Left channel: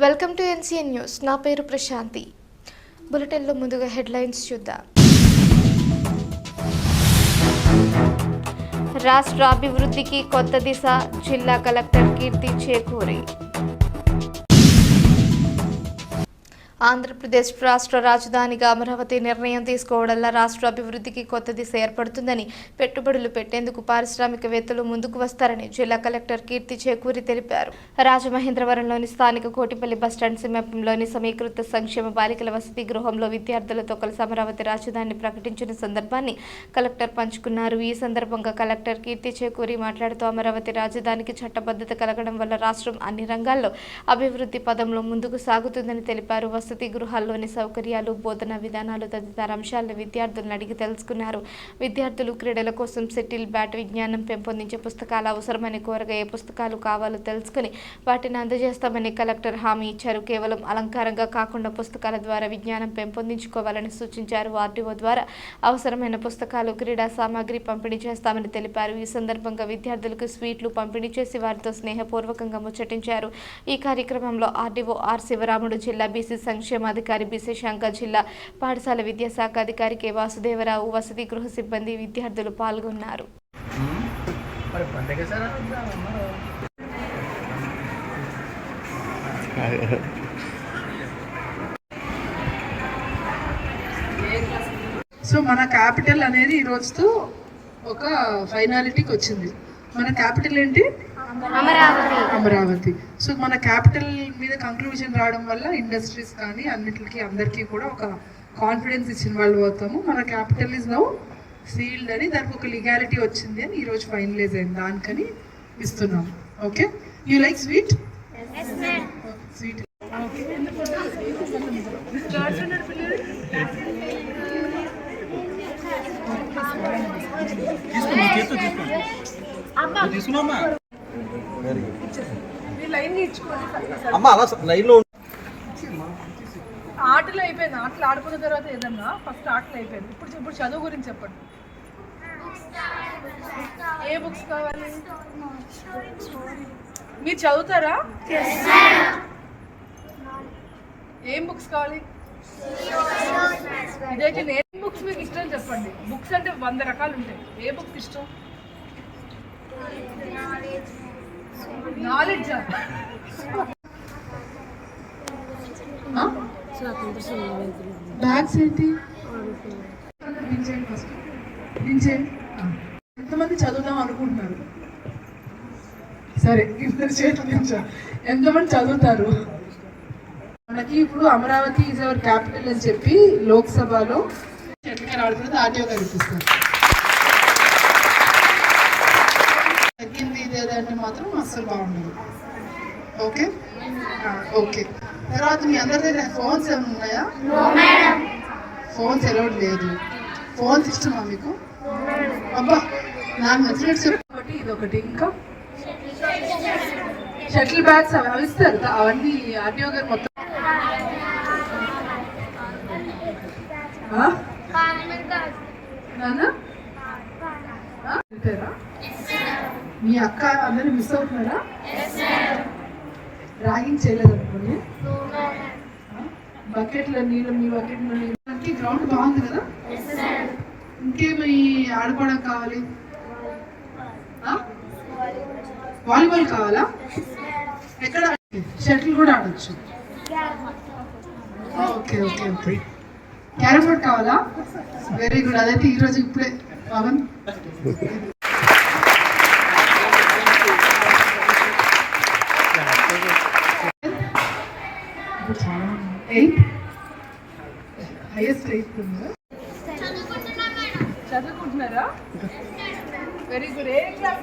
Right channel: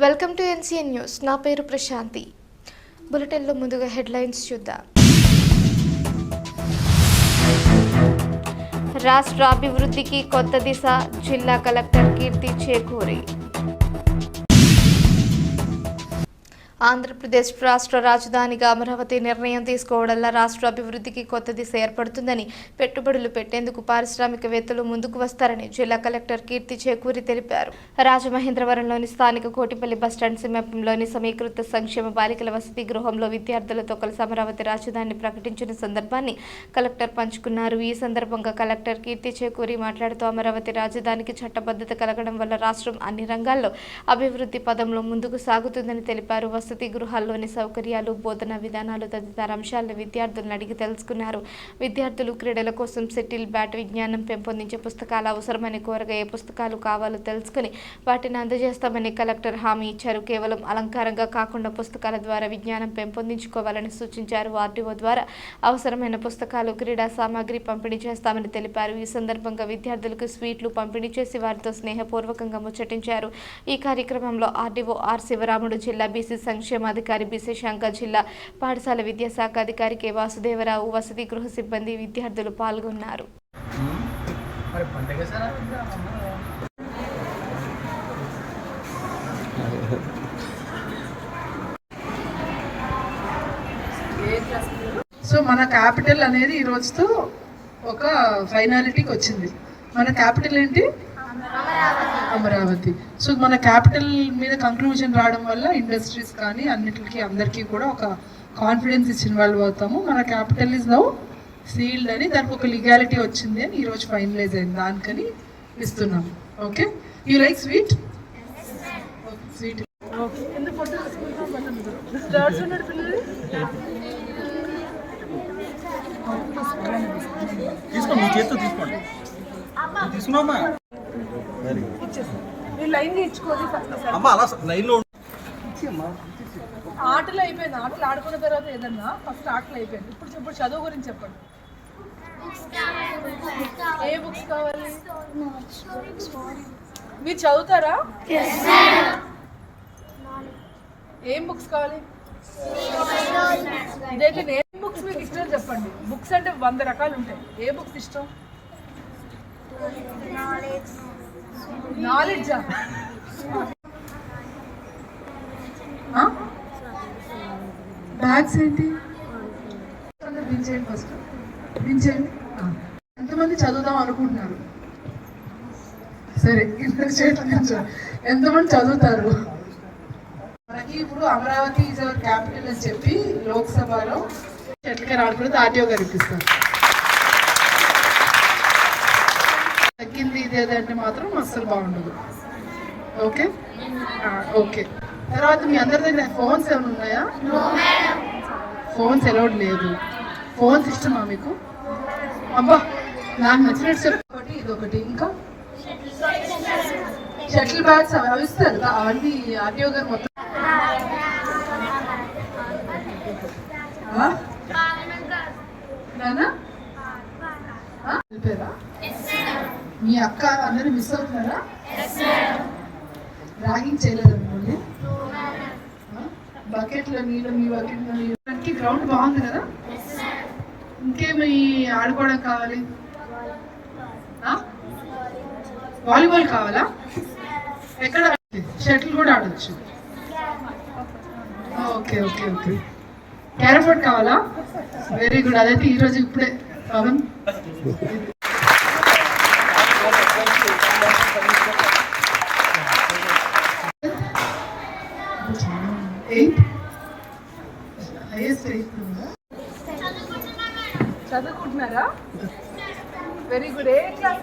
Welcome to NCN news. నా పేరు ప్రశాంతి. బులెటిన్లో ముందుగా హెడ్లైన్స్ చూద్దాం. రాష్ట్ర అభివృద్ధికి కొత్త దిశ, జిల్లా కలెక్టర్ కీర్తి చేకూరి. ఆంధ్రప్రదేశ్ రాష్ట్ర రాజధానిగా అమరావతి నిర్ణయం తీసుకోవడంలో రాష్ట్ర అభివృద్ధికి కొత్త దిశ ఏర్పడుతుందని, పెట్టుబడులు పెట్టేందుకు పారిశ్రామికవేత్తలు ముందుకు వస్తారని జిల్లా కలెక్టర్ కీర్తి చేకూరి తెలిపారు. రాజమహేంద్రవరంలోని స్థానిక కోటిపల్లి బస్టాండ్ సమీపంలోని సమీకృత సంక్షేమ బాలికల వసతి గృహంలో విద్యార్థులతో కలిసి అమరావతి రాజధానిని ప్రకటించిన సందర్భాన్ని కలెక్టర్ పంచుకున్నారు. ఈ సందర్భంగా కలెక్టర్ కీర్తి చేకూరి మాట్లాడుతూ అమరావతి రాజధానికి చట్టబద్ధత కలగడం వల్ల రాష్ట్రం అన్ని రంగాల్లో అభివృద్ధి పదంలో ముందుకు సాగుతుందని తెలిపారు. వసతి గృహాల్లోని సౌకర్యాలు, బోధనా విధానాలు తదితర అంశాలను విద్యార్థులను అడిగి తెలుసుకున్నారు. విద్యార్థులు క్రీడల కోసం సెటిల్ బ్యాట్, విజ్ఞానం పెంపొందించే పుస్తకాలు అవసరమని కోరగా ఏ పుస్తకాలు కావాలో తెలుసుకుని వాటిని అందజేస్తామని కలెక్టర్ హామీ ఇచ్చారు. కేవలం అలంకారంగా కాకుండా పుస్తకాల ద్వారా విజ్ఞానం పెంపొందించుకోవాలని సూచించారు. ఆర్టీఓ ద్వారా అవసరమైన పుస్తకాలు, క్రీడా సామాగ్రి పంపిణీ చేస్తామని తెలిపారు. ఈ సందర్భంగా విద్యార్థులకు స్వీట్లు పంపిణీ చేసి వారితో స్నేహపూర్వకంగా ముచ్చటించారు. ఈ కార్యక్రమంలో ఆర్డీఓ ఆర్ శివరాముడు, జిల్లా బీసీ సంక్షేమాధికారి బి శశాంక, జిల్లా పాఠశాల విద్యాశాఖ అధికారి కె వాసుదేవరావు, వసతి గృహ సిబ్బంది, విద్యార్థులు పాల్గొన్నారు. సో మన క్యాపిటల్ అనేది ఈ రోజుతో ఒక ఫైనాలిటీకి వచ్చింది. మన క్యాపిటల్ ఏంటి? అమరావతి. సో మన క్యాపిటల్ మీద కంక్లూజన్ రావడం వల్ల ఇండస్ట్రీస్ కానీ అన్నిటికీ అందరికీ కూడా ఒక కాన్ఫిడెన్స్ ఇచ్చిన వాళ్ళు అవుతాము. మన క్యాపిటల్ ఇస్ నౌ సీల్డ్ అని, దానికి ఒక లీగాలిటీ వచ్చింది అని ఈరోజు ఫైనలైజ్ అయింది. దానికని ఇస్తున్నాం. Okay, you like sweet? Sweet ఆటలు అయిపోయింది. ఆటలు ఆడుకున్న తర్వాత ఏదన్నా ఫస్ట్ ఆటలు అయిపోయింది. ఇప్పుడు చదువు గురించి చెప్పండి. ఏ బుక్స్ కావాలి? మీరు చదువుతారా? ఏం బుక్స్ కావాలి? ఇదైతే ఏ బుక్స్ మీకు ఇష్టం చెప్పండి. బుక్స్ అంటే 100 రకాలు ఉంటాయి. ఏ బుక్స్ ఇష్టం? నాలెడ్జా? బ్యాగ్స్ ఏంటి? దించేయండి, ఫస్ట్ దించేయండి. ఎంతమంది చదువుదాం అనుకుంటున్నారు? సరే, ఎంతమంది చదువుతారు? మనకి ఇప్పుడు అమరావతి ఈజ్ అవర్ క్యాపిటల్ అని చెప్పి లోక్సభలో చెట్లకి రావడం ఆర్టీఓ గారు ఇప్పిస్తారు. తగ్గింది ఇదేదంటే మాత్రం అస్సలు బాగుండదు. Okay okay. తర్వాత మీ అందరి దగ్గర ఫోన్స్ ఏమైనా ఉన్నాయా? ఫోన్స్ అలౌడ్ లేదు. ఫోన్స్ ఇష్టమా మీకు? అబ్బా, నాకు నచ్చినట్టు ఒకటి ఇదొకటి. ఇంకా షటిల్ బ్యాగ్స్ అవి ఇస్తారు. అవన్నీ ఆర్టీఓ గారు మొత్తం వెళ్ళిపోయారా? మీ అక్క అందరూ మిస్ అవుతున్నారా? ర్యాగింగ్ చేయలేదు అనుకోండి. బకెట్లో నీళ్ళు, మీ బకెట్లో నీళ్ళు. గ్రౌండ్ బాగుంది కదా? ఇంకేమి ఆడుకోవడానికి కావాలి? వాలీబాల్ కావాలా? ఎక్కడ? షటిల్ కూడా ఆడచ్చు. Okay okay okay. Carrom board కావాలా? Very good. అదైతే ఈరోజు ఇప్పుడే పవన్ చదువుకుంటున్నారా? Very good. ఏ క్లాస్?